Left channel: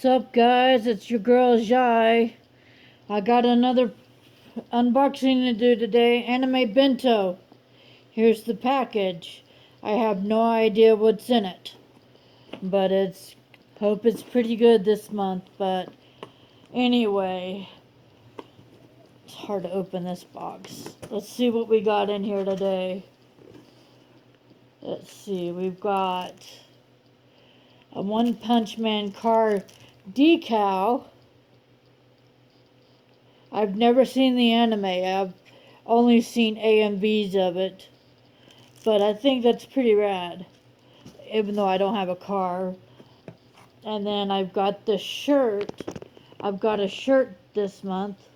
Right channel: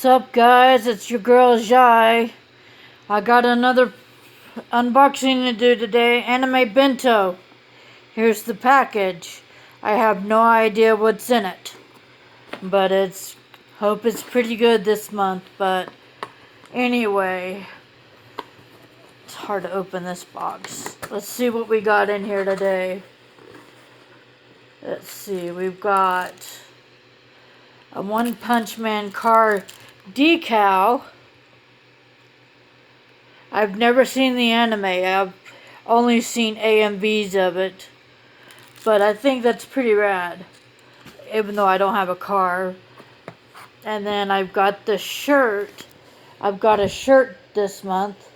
Sup guys, it's your girl Zhai. I got another unboxing to do today, anime bento. Here's the package. I have no idea what's in it, but hope it's pretty good this month. But anyway, it's hard to open this box. Let's see what we got in here today. Let's see, we've got a One Punch Man car decal. I've never seen the anime. I've only seen AMVs of it. But I think that's pretty rad, even though I don't have a car. And then I've got the shirt. I've got a shirt this month.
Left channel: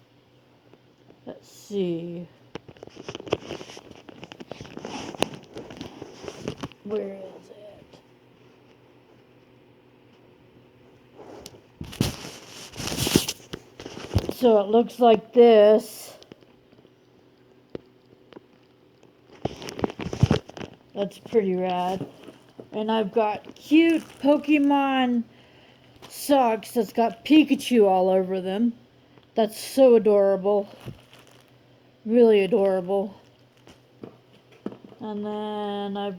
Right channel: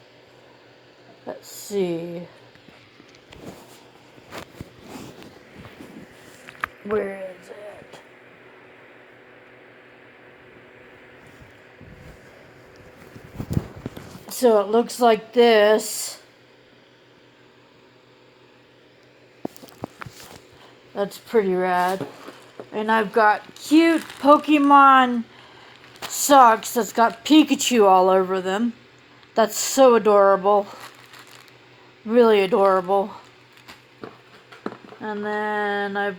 Let's see. Where is it? So it looks like this. That's pretty rad. And I've got cute Pokemon socks that's got Pikachu all over them. That's so adorable. Really adorable. And then I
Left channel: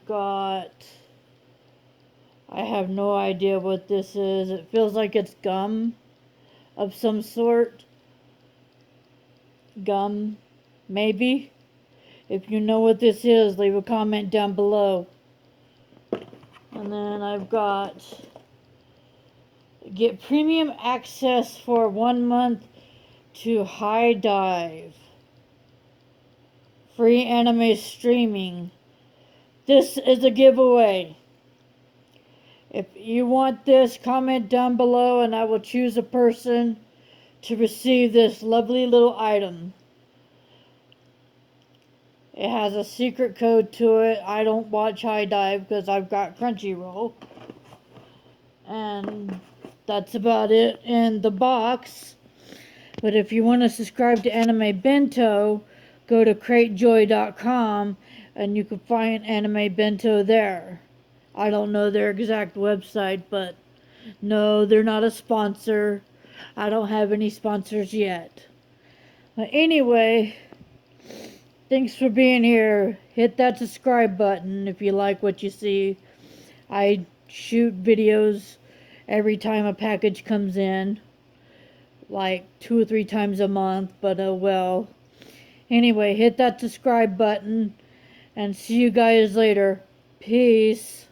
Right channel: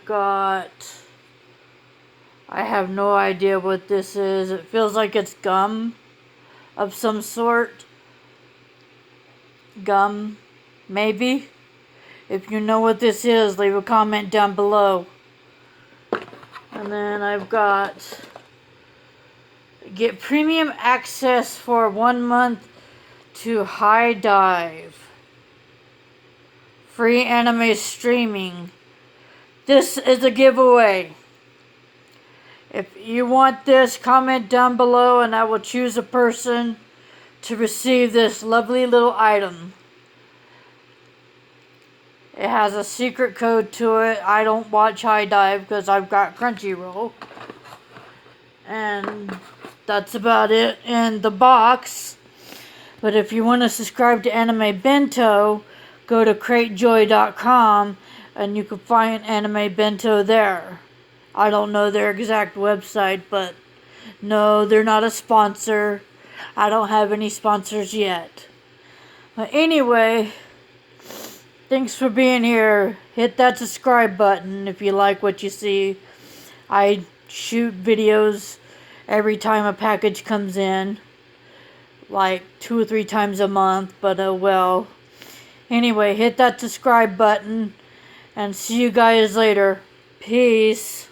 have no idea what this is. It feels like it's gum of some sort. Gum, maybe. If you know what this is, leave a comment down below. And then I've got get premium access for 1 month to High Dive. Free anime streaming. This is a giveaway. If you want this, comment down below and I will choose a person to receive this lovely little item. It has a secret code to it. I don't watch High Dive because I've got Crunchyroll. And that's about it in the box. But if you want to subscribe to Anime Bento, go to cratejoy.com and you can find Anime Bento there. I don't know their exact website, but no, they're not a sponsor. I don't have any sponsors yet. But anyway, thanks for being here. Hit that subscribe button if you like what you see. I shoot videos every time a package comes in. Like 2 or 3 times a month, but oh well. Anyway, hit that subscribe button and see you guys later. Peace.